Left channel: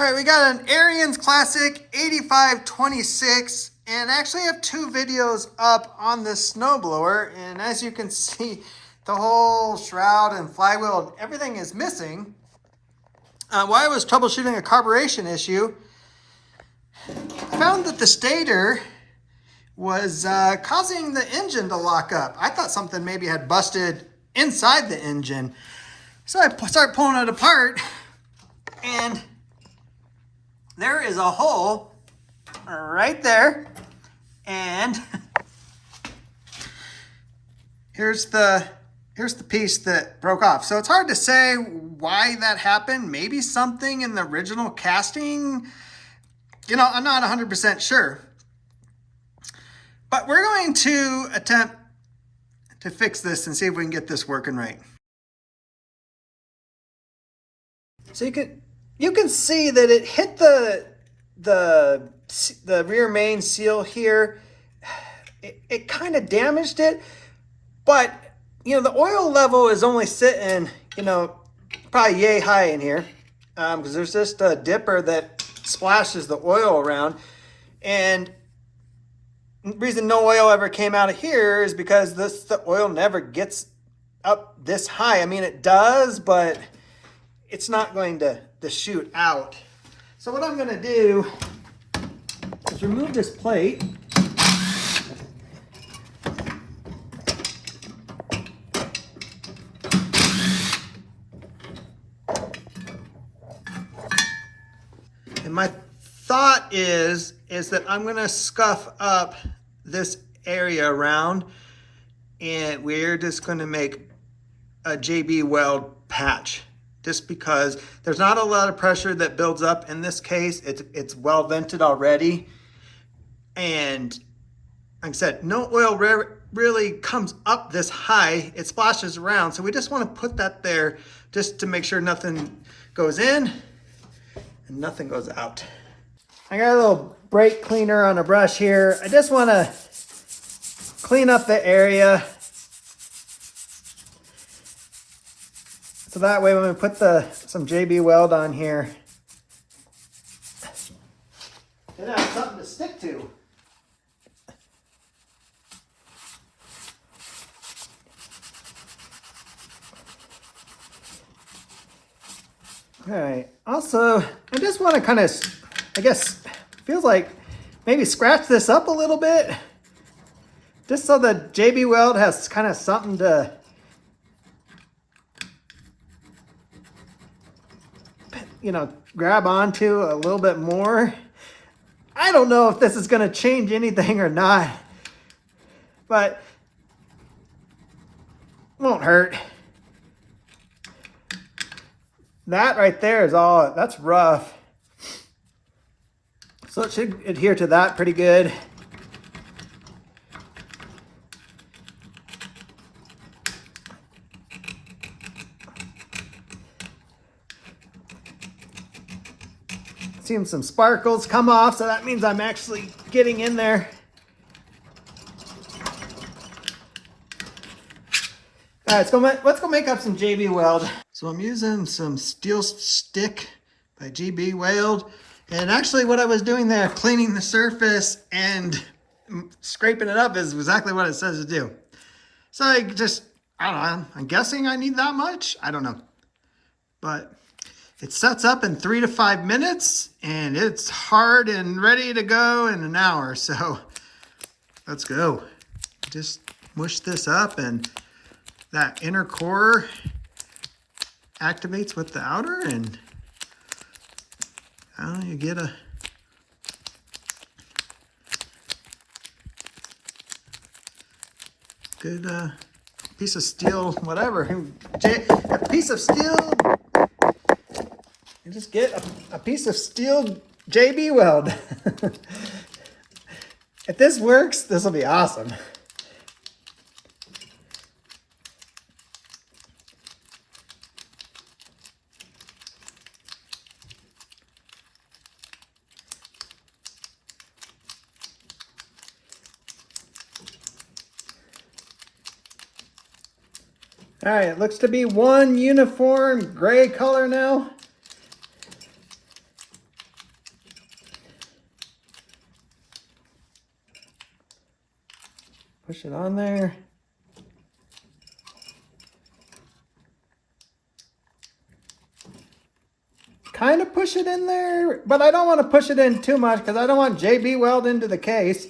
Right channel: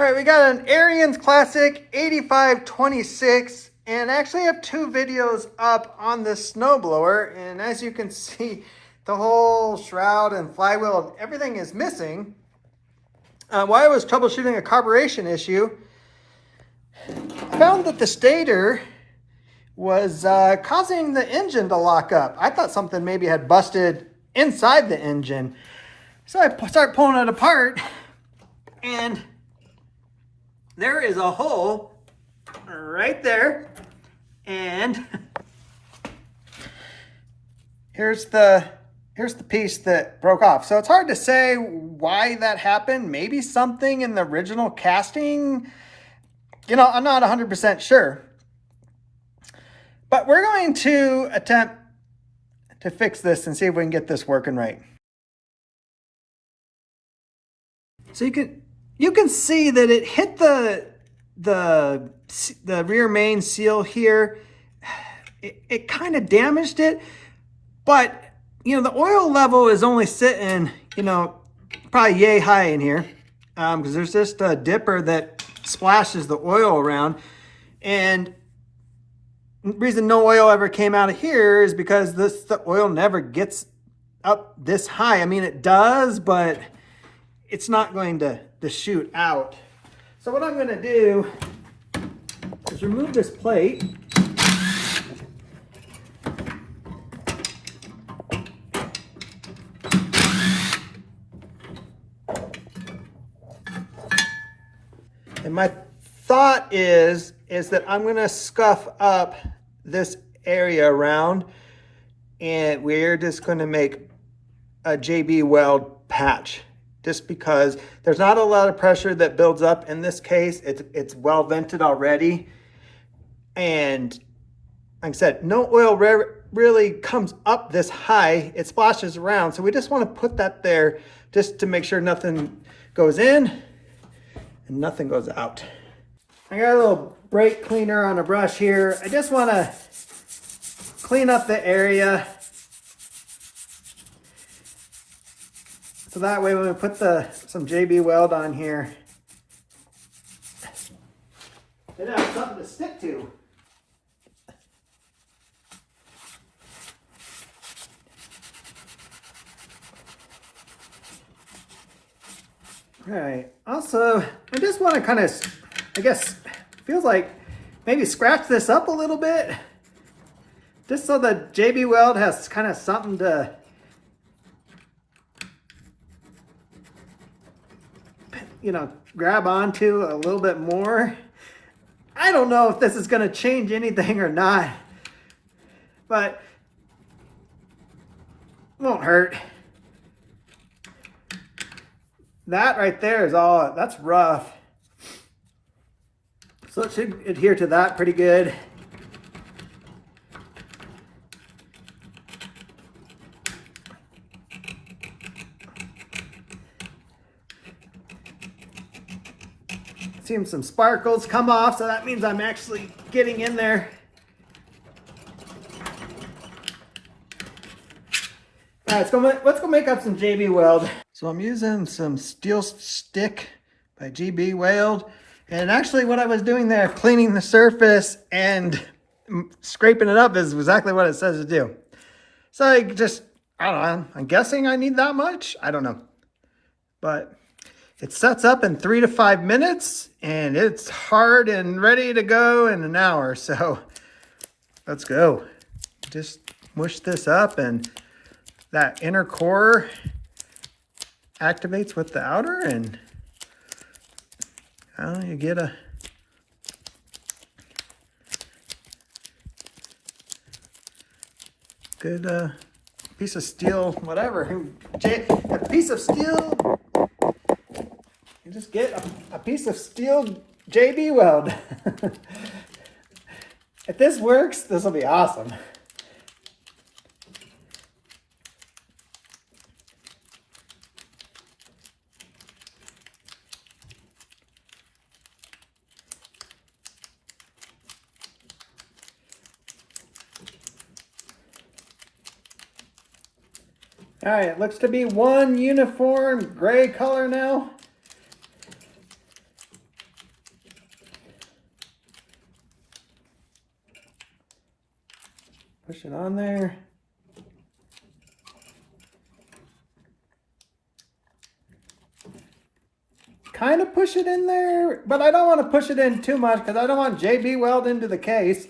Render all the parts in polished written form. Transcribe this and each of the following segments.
All right, we got an Ariens Classic 8526, and I actually have two videos up on this snowblower, and as you can see, the whole shroud and flywheel, everything is missing. While I was troubleshooting a carburation issue, I found that the stator was causing the engine to lock up. I thought something maybe had busted inside the engine. So I start pulling it apart, and there is a hole right there, and here's the piece that broke off. So it's hard to say why that happened. Maybe something in the original casting. You know, I'm not 100% sure. But we're going to attempt to fix this and see if we can get this working right. So you can see that it hit the rear main seal here. It kind of damaged it, but you know, the oil level is only sitting, you know, probably yay high in here, because there's just a dipper that splashes the oil around. And the reason no oil ever came out of here is because the oil never gets up this high. I mean, it does, but it's not going to shoot out. So what I'm going to do is remove this plate. And my thought is that I'm going to scuff up this area around, and we're just going to make a JB weld patch, just because there's not a lot of pressure that builds up in this case. It's well vented already, and like I said, no oil really comes up this high. It splashes around, so we just want to put that there just to make sure nothing goes in and nothing goes out. I got a little brake cleaner on a brush here. I just want to clean up the area, so that way when we put some JB weld on here, it has something to stick to. All right, also, I just want to kind of, I guess, feels like maybe scratch this up a little bit, just so the JB weld has kind of something to, you know, grab onto a little bit more. I don't know if this is going to change anything or not, but it won't hurt. That right there is all, that's rough. So it should adhere to that pretty good. Seeing some sparkles come off, so that means I'm actually getting in there. All right, let's go make up some JB weld. So I'm using some steel stick by JB Weld. And actually what I was doing there, cleaning the surface and scraping it up, is exactly what it says to do. So I don't know, I'm guessing I need that much. I don't know. But it sets up in 3 to 5 minutes, and it's hard and ready to go in an hour. So let's go. Just mush this up, and that inner core activates with the outer, and you get a good piece of steel, whatever. A piece of steel, you just get a piece of steel JB weld. If this works, this will be awesome. All right, it looks to be one uniform gray color now. Push it on there. Kind of push it in there, but I don't want to push it in too much because I don't want JB weld into the case.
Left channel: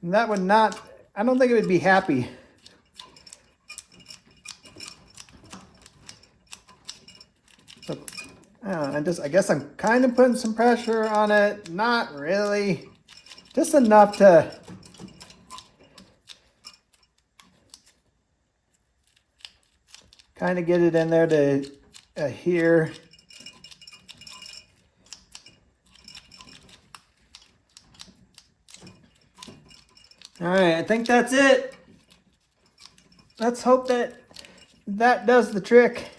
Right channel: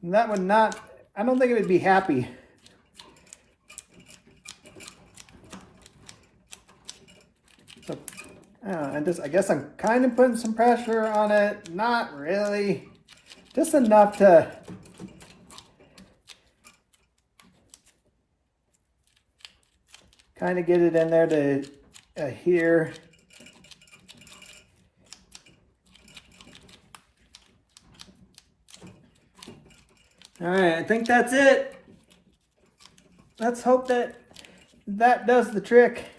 And that would not, I don't think it would be happy. So, I guess I'm kind of putting some pressure on it. Not really. Just enough to kind of get it in there to here. All right, I think that's it. Let's hope that that does the trick.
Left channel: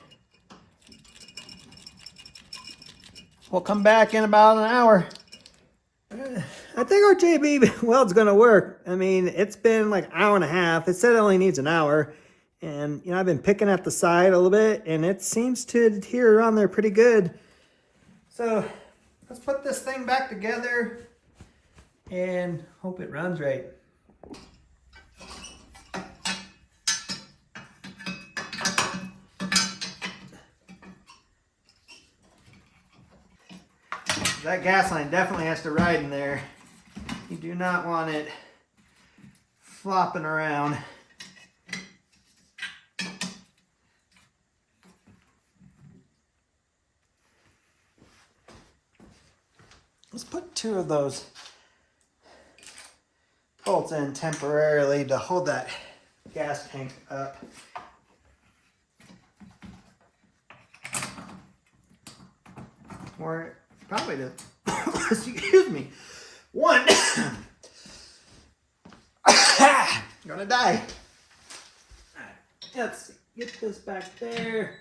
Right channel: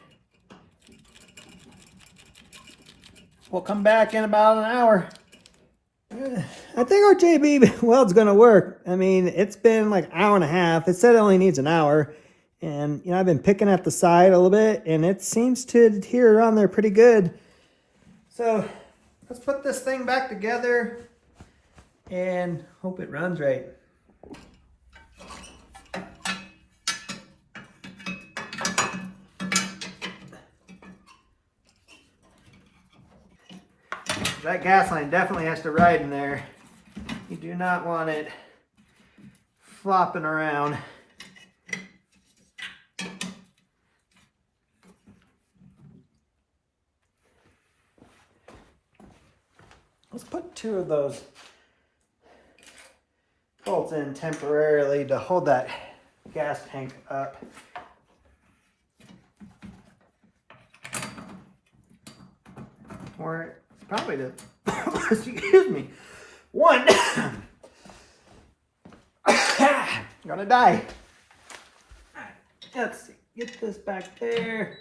We'll come back in about an hour. I think our JB weld's gonna work. I mean, it's been like an hour and a half. It said it only needs an hour. And, you know, I've been picking at the side a little bit, and it seems to adhere around there pretty good. So let's put this thing back together and hope it runs right. That gas line definitely has to ride in there. You do not want it flopping around. Let's put 2 of those bolts in temporarily to hold that gas tank up. Or probably to, excuse me, 1. I'm gonna die. All right, let's see, get this back there.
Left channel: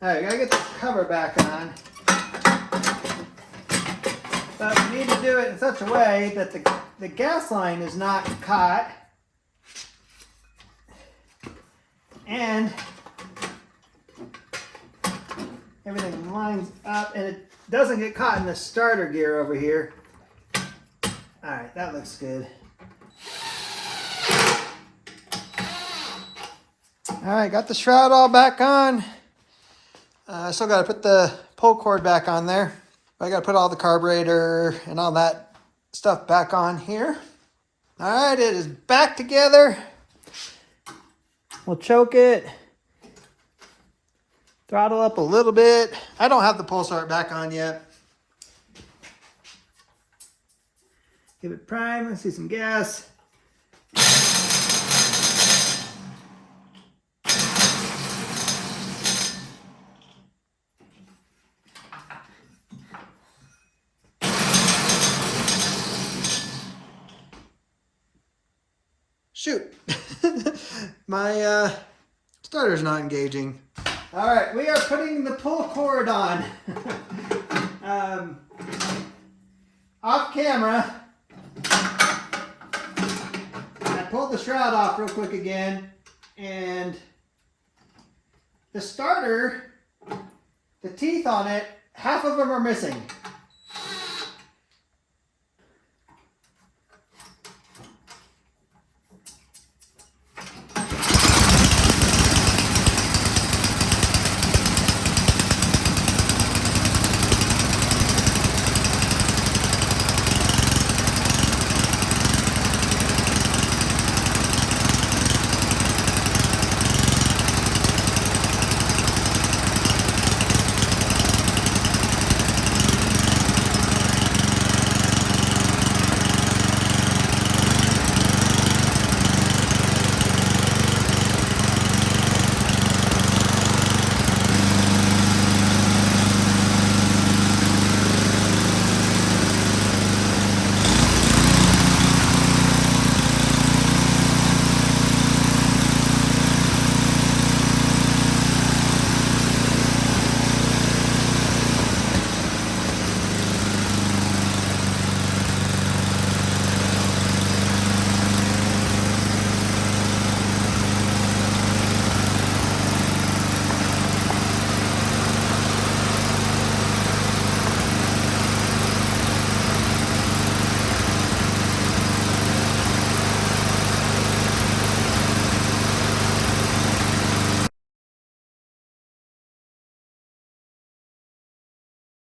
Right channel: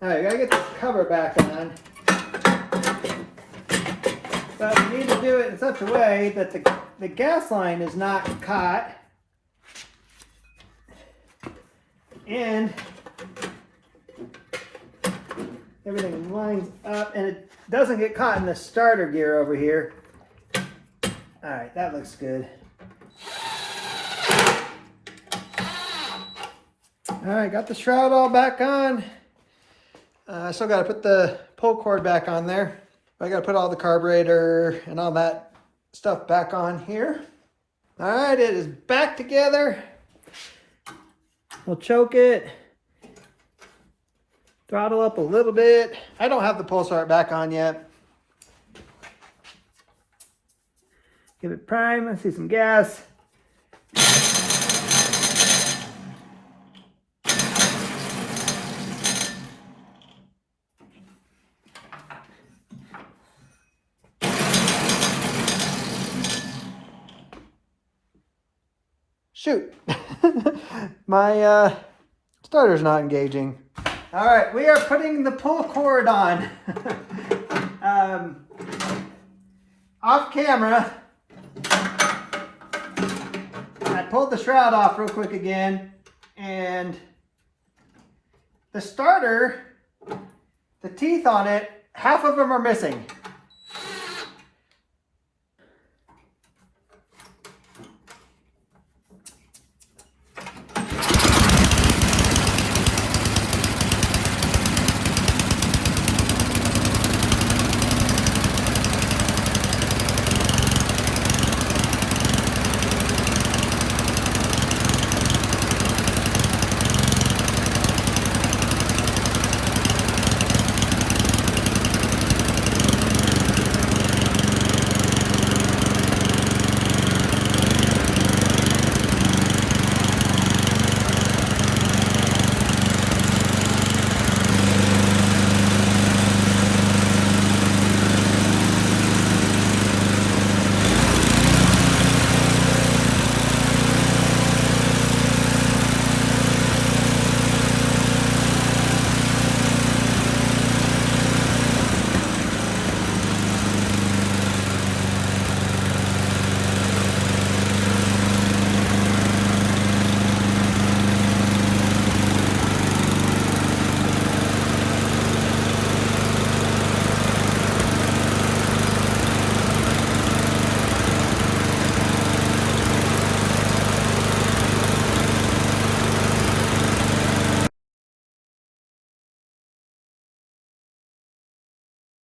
All right, gotta get the cover back on. But we need to do it in such a way that the gas line is not caught. And everything lines up and it doesn't get caught in the starter gear over here. All right, that looks good. All right, got the shroud all back on. I still got to put the pull cord back on there. I got to put all the carburetor and all that stuff back on here. All right, it is back together. We'll choke it. Throttle up a little bit. I don't have the pull start back on yet. Give it prime. I see some gas. Shoot, my starter's not engaging. All right, we are putting the pull cord on. Off camera, I pulled the shroud off real quick again, and the starter, the teeth on it, half of them are missing.